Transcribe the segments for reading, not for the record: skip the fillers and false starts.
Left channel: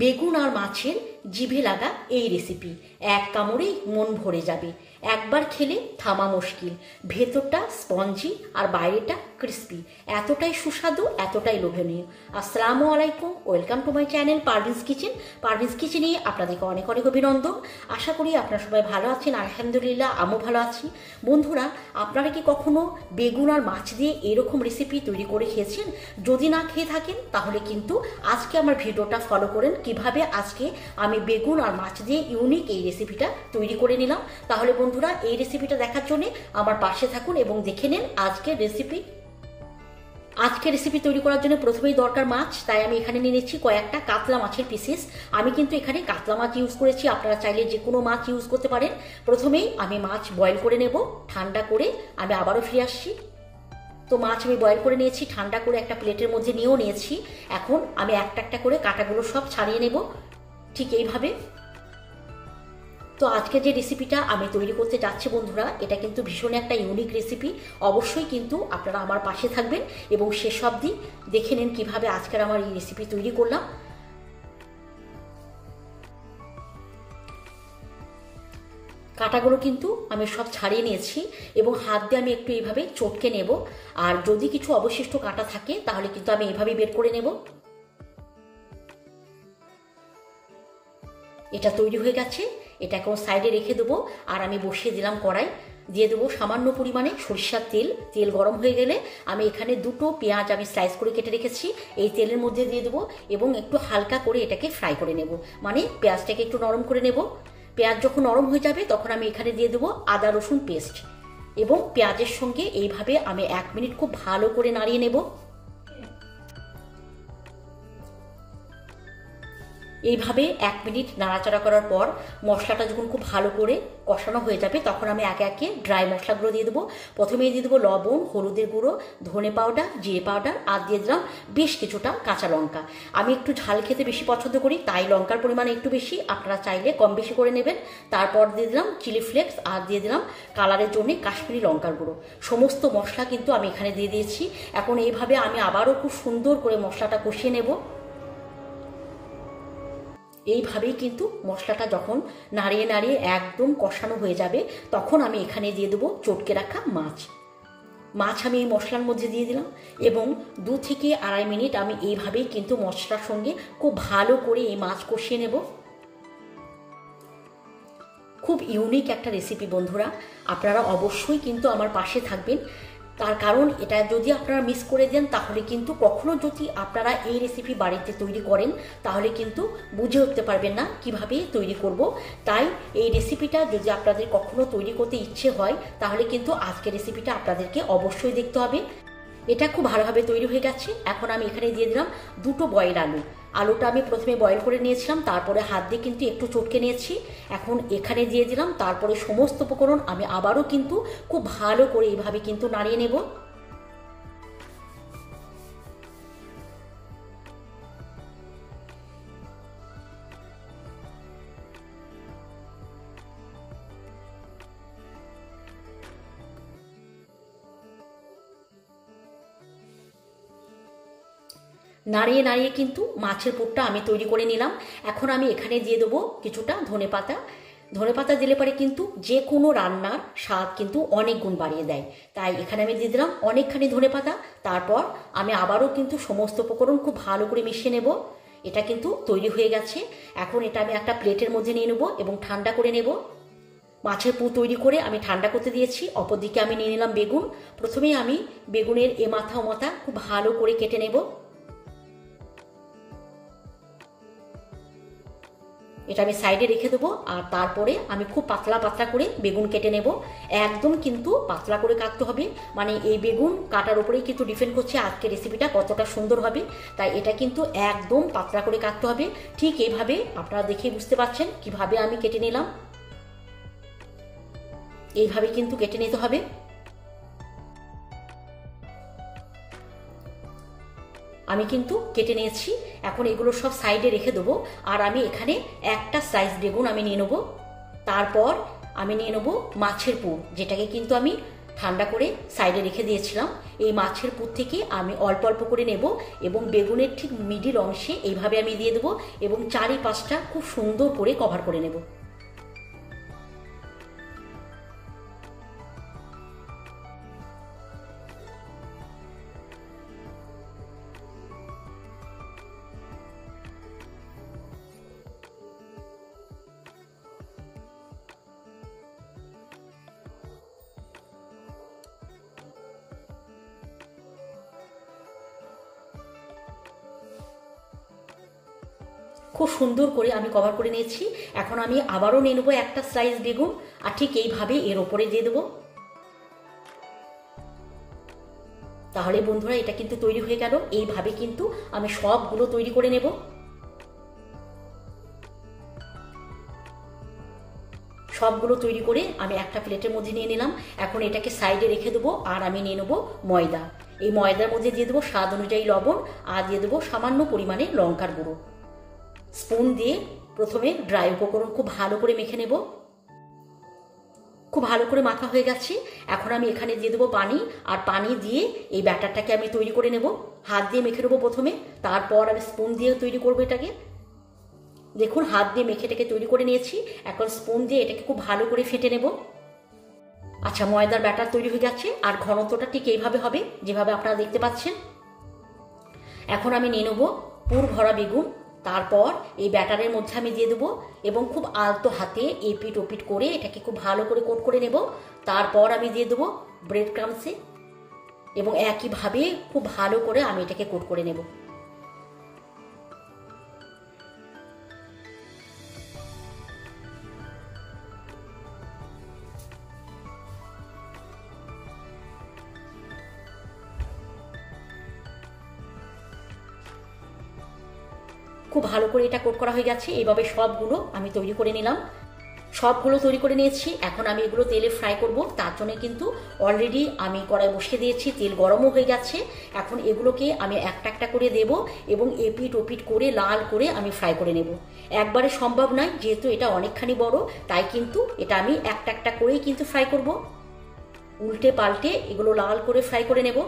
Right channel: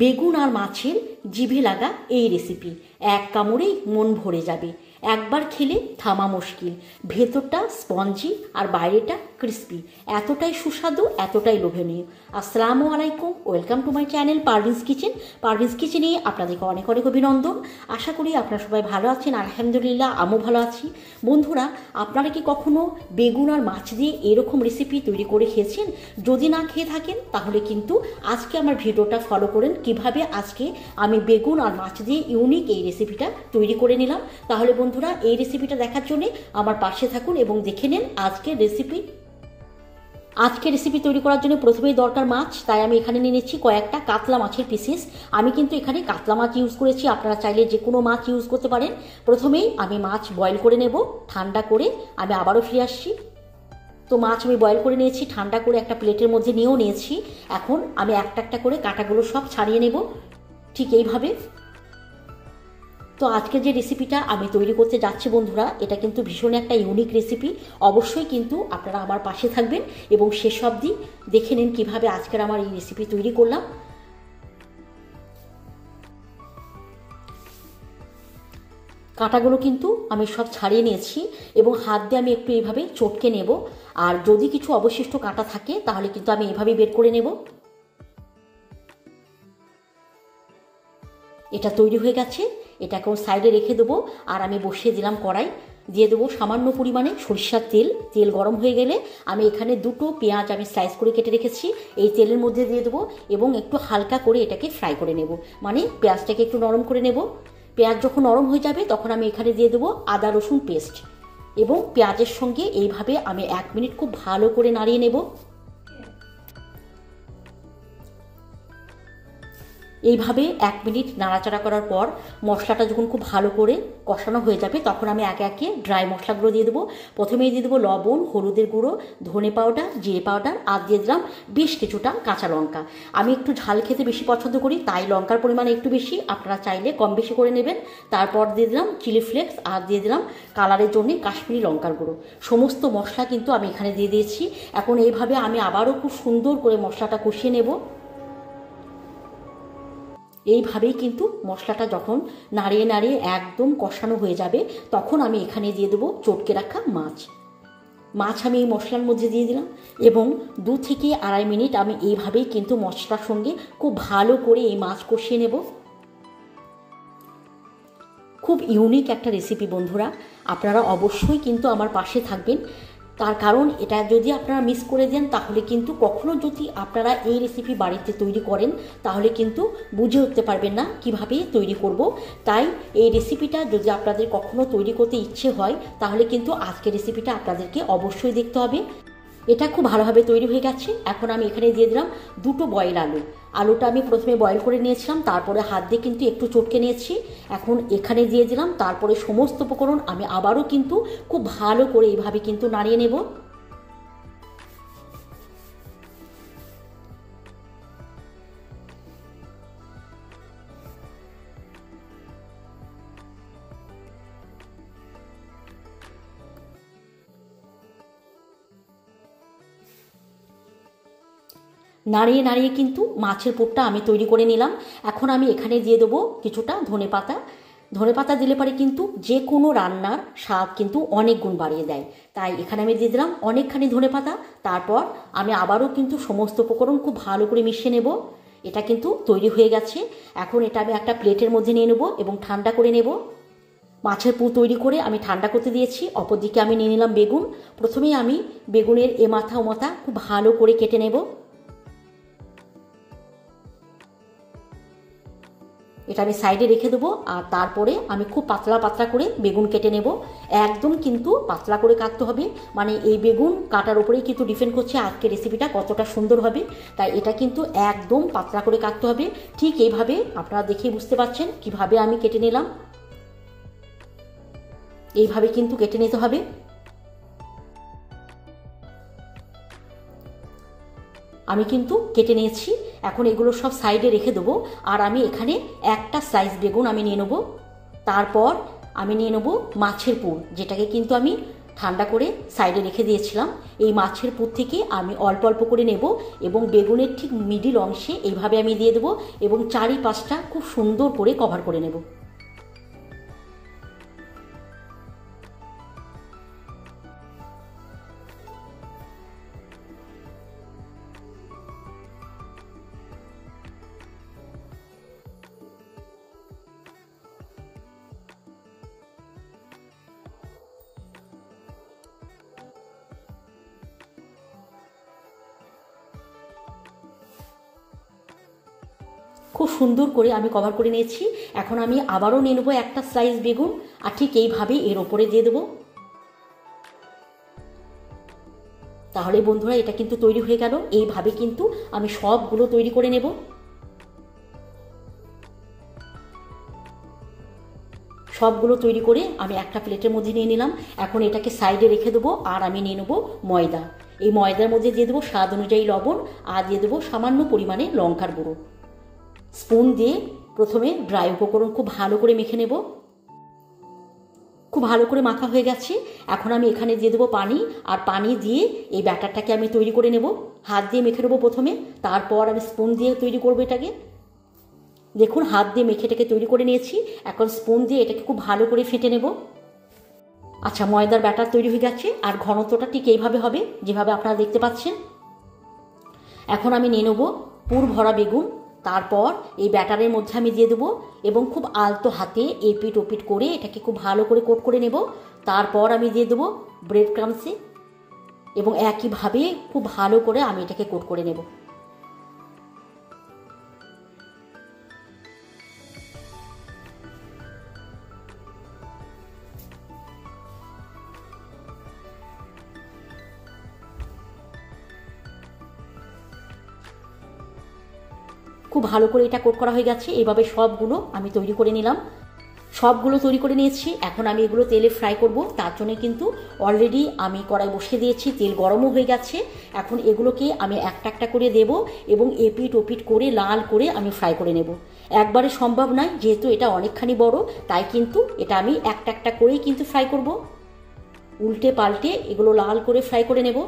বেগুন আর মাছের জিভে লাগা এই রেসিপি এক কামড়েই মন ভরে যাবে। একবার খেলে থামা মুশকিল। ভেতরটা স্পঞ্জি আর বাইরেটা ক্রিস্পি, এতটাই সুস্বাদু, এতটাই লোভনীয়। আসসালামু আলাইকুম, welcome to my channel Parveen's kitchen. Parveen's কিচেনে আপনাদেরকে অনেক অনেক অভিনন্দন। আশা করি আপনারা সবাই ভালো আছেন। আলহামদুলিল্লাহ, আমিও ভালো আছি। বন্ধুরা, আপনারা কি কখনো বেগুন আর মাছ দিয়ে এরকম রেসিপি তৈরি করে খেয়েছেন? যদি না খেয়ে থাকেন তাহলে কিন্তু আজকে আমার ভিডিওটা ফলো করেন কিভাবে আজকে আমি বেগুন আর মাছ দিয়ে ইউনিক এই রেসিপিটা তৈরি করে নিলাম। তাহলে বন্ধুরা, এই রেসিপিটা দেখার জন্য আমার পাশে থাকুন এবং দেখে নেন আজকের রেসিপি। তৈরি করার জন্য প্রথমেই দরকার মাছ, তাই আমি এখানে নিয়ে নিচ্ছি কয়েকটা কাতলা মাছের পিসেস। আমি কিন্তু এখানে কাতলা মাছ ইউজ করেছি, আপনারা চাইলে যে কোনো মাছ ইউজ করতে পারেন। প্রথমেই আমি মাছ বয়েল করে নেব, ঠান্ডা করে আমি আবারও ফিরে আসছি। তো মাছ আমি বয়েল করে নিয়েছি, ঠান্ডা করে একটা প্লেটের মধ্যে নিয়েও নিয়েছি। এখন আমি একটা একটা করে কাঁটাগুলো সব ছাড়িয়ে নেব, ঠিক এইভাবে। তো আজকে যে রেসিপিটা আমি তৈরি করতে যাচ্ছি বন্ধুরা, এটা কিন্তু ভীষণ একটা ইউনিক রেসিপি। অবশ্যই কিন্তু আপনারা আমার পাশে থাকবেন এবং শেষ অবধি দেখে নিন কীভাবে আজকের আমার এই রেসিপি তৈরি করলাম। কাঁটাগুলো কিন্তু আমি সব ছাড়িয়ে নিয়েছি এবং হাত দিয়ে আমি একটু এইভাবে চটকে নেব। আর যদি কিছু অবশিষ্ট কাঁটা থাকে তাহলে কিন্তু আমি এভাবেই বের করে নেব। এটা তৈরি হয়ে গেছে, এটাকে সাইডে রেখে দেবো। আর আমি বসিয়ে দিলাম কড়াই, দিয়ে দেবো সামান্য পরিমাণে সরিষার তেল। তেল গরম হয়ে গেলে আমি এখানে দুটো পেঁয়াজ আমি স্লাইস করে কেটে রেখেছি, এই তেলের মধ্যে দিয়ে দেবো এবং একটু হালকা করে এটাকে ফ্রাই করে নেব, মানে পেঁয়াজটাকে একটু নরম করে নেব। পেঁয়াজ যখন নরম হয়ে যাবে তখন আমি এখানে দিয়ে দেবো আদা রসুন পেস্ট এবং পেঁয়াজের সঙ্গে এইভাবে আমি 1 মিনিট খুব ভালো করে নাড়িয়ে নেব। এইভাবে 1 মিনিট নাড়াচাড়া করার পর মশলাটা যখন খুব ভালো করে কষানো হয়ে যাবে তখন আমি একে একে ড্রাই মশলাগুলো দিয়ে দেবো। প্রথমেই দিয়ে দেবো লবণ, হলুদের গুঁড়ো, ধনে পাউডার, জিরে পাউডার, আর দিয়ে দিলাম বেশ কিছুটা কাঁচা লঙ্কা। আমি একটু ঝাল খেতে বেশি পছন্দ করি, তাই লঙ্কার পরিমাণ একটু বেশি, আপনারা চাইলে কম বেশি করে নেবেন। তারপর দিয়ে দিলাম চিলি ফ্লেক্স আর দিয়ে দিলাম কালারের জন্য কাশ্মীরি লঙ্কার গুঁড়ো। সমস্ত মশলা কিন্তু আমি এখানে দিয়ে দিয়েছি। এখন এইভাবে আমি আবারও খুব সুন্দর করে মশলাটা কষিয়ে নেব। এইভাবেই কিন্তু মশলাটা যখন নাড়িয়ে নাড়িয়ে একদম কষানো হয়ে যাবে তখন আমি এখানে দিয়ে দেবো চটকে রাখা মাছ আমি এই মশলার মধ্যে দিয়ে দিলাম এবং 2 থেকে 2.5 মিনিট আমি এইভাবেই কিন্তু মশলার সঙ্গে খুব ভালো করে এই মাছ কষিয়ে নেব। খুব ইউনিক একটা রেসিপি বন্ধুরা, আপনারা অবশ্যই কিন্তু আমার পাশে থাকবেন। তার কারণ এটা যদি আপনারা মিস করে দেন তাহলে কিন্তু কখনো যদি আপনারা এই রেসিপি বাড়িতে তৈরি করেন তাহলে কিন্তু বুঝে উঠতে পারবেন না কিভাবে তৈরি করব। তাই এই রেসিপিটা যদি আপনাদের কখনো তৈরি করতে ইচ্ছে হয় তাহলে কিন্তু আজকের রেসিপিটা আপনাদেরকে অবশ্যই দেখতে হবে। এটা খুব ভালোভাবে তৈরি হয়ে গেছে। এখন আমি এখানে দিয়ে দিলাম 2টো বয়েল আলুটা আমি প্রথমে বয়েল করে নিয়েছিলাম, তারপরে হাত দিয়ে কিন্তু একটু চটকে নিয়েছি। এখন এখানে দিয়ে দিলাম, তারপরে সমস্ত উপকরণ আমি আবারও কিন্তু খুব ভালো করে এইভাবে কিন্তু নাড়িয়ে নেব। নাড়িয়ে নাড়িয়ে কিন্তু মাছের পুরটা আমি তৈরি করে নিলাম। এখন আমি এখানে দিয়ে দেবো কিছুটা ধনেপাতা দিলে পরে কিন্তু যে কোনো রান্নার স্বাদ কিন্তু অনেক গুণ বাড়িয়ে দেয়। তাই এখানে আমি দিয়ে দিলাম অনেকখানি ধনেপাতা। তারপর আমি আবারও কিন্তু সমস্ত উপকরণ খুব ভালো করে মিশিয়ে নেব। এটা কিন্তু তৈরি হয়ে গেছে। এখন এটা আমি একটা প্লেটের মধ্যে নিয়ে নেব এবং ঠান্ডা করে নেব। মাছের পুর তৈরি করে আমি ঠান্ডা করতে দিয়েছি। অপরদিকে আমি নিয়ে নিলাম বেগুন। প্রথমেই আমি বেগুনের এ মাথা ও মাথা খুব ভালো করে কেটে নেব। এটা আমি সাইডে রেখে দেবো। আর তারপরে আমি খুব পাতলা পাতলা করে বেগুন কেটে নেব। একদম কিন্তু পাতলা করে কাটতে হবে, মানে এই বেগুন কাটার উপরেই কিন্তু ডিপেন্ড করছে আজকের রেসিপিটা কতটা সুন্দর হবে। তাই এটা কিন্তু একদম পাতলা করে কাটতে হবে। ঠিক এইভাবে আপনারা দেখে বুঝতে পারছেন কিভাবে আমি কেটে নিলাম। এইভাবে কিন্তু কেটে নিতে হবে। আমি কিন্তু কেটে নিয়েছি। এখন এগুলো সব সাইডে রেখে দেবো। আর আমি এখানে একটা স্লাইস বেগুন আমি নিয়ে নেবো। তারপর আমি নিয়ে নেবো মাছের পুর, যেটাকে কিন্তু আমি ঠান্ডা করে সাইডে রেখে দিয়েছিলাম। এই মাছের পুর থেকে আমি অল্প অল্প করে নেব এবং বেগুনের ঠিক মিডিল অংশে এইভাবে আমি দিয়ে দেবো এবং চারিপাশটা খুব সুন্দর করে কভার করে নেব। খুব সুন্দর করে আমি কভার করে নিয়েছি। এখন আমি আবারও নিয়ে নেবো একটা স্লাইস বেগুন আর ঠিক এইভাবে এর ওপরে দিয়ে দেবো। তাহলে বন্ধুরা এটা কিন্তু তৈরি হয়ে গেল। এইভাবে কিন্তু আমি সবগুলো তৈরি করে নেব। সবগুলো তৈরি করে আমি একটা প্লেটের মধ্যে নিয়ে নিলাম। এখন এটাকে সাইডে রেখে দেবো আর আমি নিয়ে নেবো ময়দা। এই ময়দার মধ্যে দিয়ে দেবো স্বাদ অনুযায়ী লবণ আর দিয়ে দেবো সামান্য পরিমাণে লঙ্কার গুঁড়ো। স্পুন দিয়ে প্রথমে ড্রাই উপকরণ খুব ভালো করে মেখে নেব। খুব ভালো করে মাখা হয়ে গেছে। এখন আমি এখানে দিয়ে দেবো পানি আর পানি দিয়ে এই ব্যাটারটাকে আমি তৈরি করে নেব। হাত দিয়ে মেখে নেবো প্রথমে, তারপর আমি স্পুন দিয়ে তৈরি করবো এটাকে। দেখুন হাত দিয়ে মেখে এটাকে তৈরি করে নিয়েছি। এখন স্পুন দিয়ে এটাকে খুব ভালো করে ফেটে নেব। আচ্ছা, ময়দার ব্যাটার তৈরি হয়ে গেছে আর ঘনত্বটা ঠিক এইভাবে হবে যেভাবে আপনারা দেখতে পাচ্ছেন। এখন আমি নিয়ে নেবো পুর ভরা বেগুন। তারপর এই ব্যাটারের মধ্যে আমি দিয়ে দেবো এবং খুব আলতো হাতে এপিট ওপিট করে এটাকে খুব ভালো করে কোট করে নেব। তারপর আমি দিয়ে দেবো ব্রেড ক্রাম্বসে এবং একইভাবে খুব ভালো করে আমি এটাকে কোট করে নেব। খুব ভালো করে এটা কোট করা হয়ে গেছে। এইভাবে সবগুলো আমি তৈরি করে নিলাম। সবগুলো তৈরি করে নিয়েছি। এখন আমি এগুলো তেলে ফ্রাই করব। তার জন্য কিন্তু অলরেডি আমি কড়াই বসিয়ে দিয়েছি, তেল গরমও হয়ে গেছে। এখন এগুলোকে আমি একটা একটা করে দেব এবং এপিট ওপিট করে লাল করে আমি ফ্রাই করে নেব। একবারে সম্ভব নয়, যেহেতু এটা অনেকখানি বড়, তাই কিন্তু এটা আমি একটা একটা করেই কিন্তু ফ্রাই করব। উল্টে পাল্টে এগুলো লাল করে ফ্রাই করে নেব।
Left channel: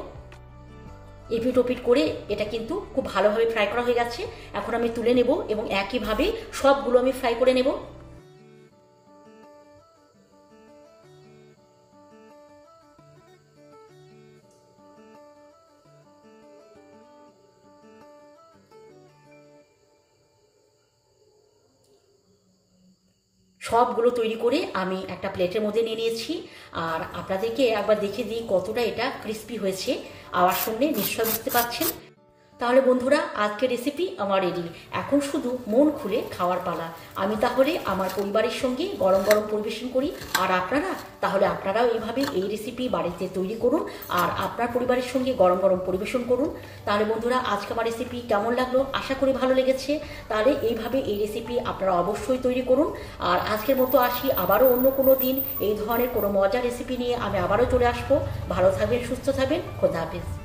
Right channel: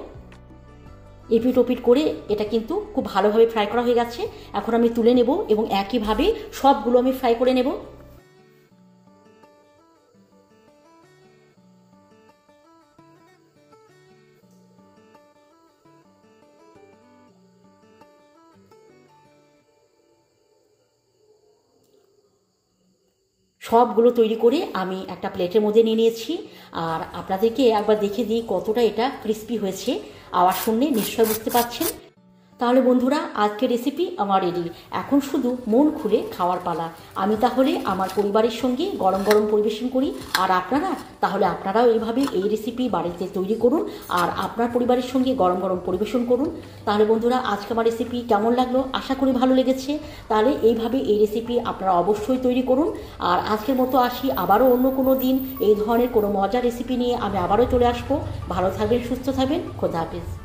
এপিট ওপিট করে এটা কিন্তু খুব ভালোভাবে ফ্রাই করা হয়ে গেছে। এখন আমি তুলে নেব এবং একইভাবে সবগুলো আমি ফ্রাই করে নেব। সবগুলো তৈরি করে আমি একটা প্লেটের মধ্যে নিয়ে নিয়েছি। আর আপনাদেরকে একবার দেখে দিই কতটা এটা ক্রিস্পি হয়েছে। আওয়াজ শুনলে নিশ্চয় বুঝতে পারছেন। তাহলে বন্ধুরা, আজকের রেসিপি আমার রেডি। এখন শুধু মন খুলে খাওয়ার পালা। আমি তাহলে আমার পরিবারের সঙ্গে গরম গরম পরিবেশন করি, আর আপনারাও এইভাবে এই রেসিপি বাড়িতে তৈরি করুন আর আপনার পরিবারের সঙ্গে গরম গরম পরিবেশন করুন। তাহলে বন্ধুরা, আজকে আমার রেসিপি কেমন লাগলো? আশা করি ভালো লেগেছে। তাহলে এইভাবে এই রেসিপি আপনারা অবশ্যই তৈরি করুন। আর আজকের মতো আসি, আবারও অন্য কোনো দিন এই ধরনের কোনো মজার রেসিপি নিয়ে আমি আবারও চলে আসবো। ভালো থাকবেন, সুস্থ থাকবেন। খোদা হাফেজ।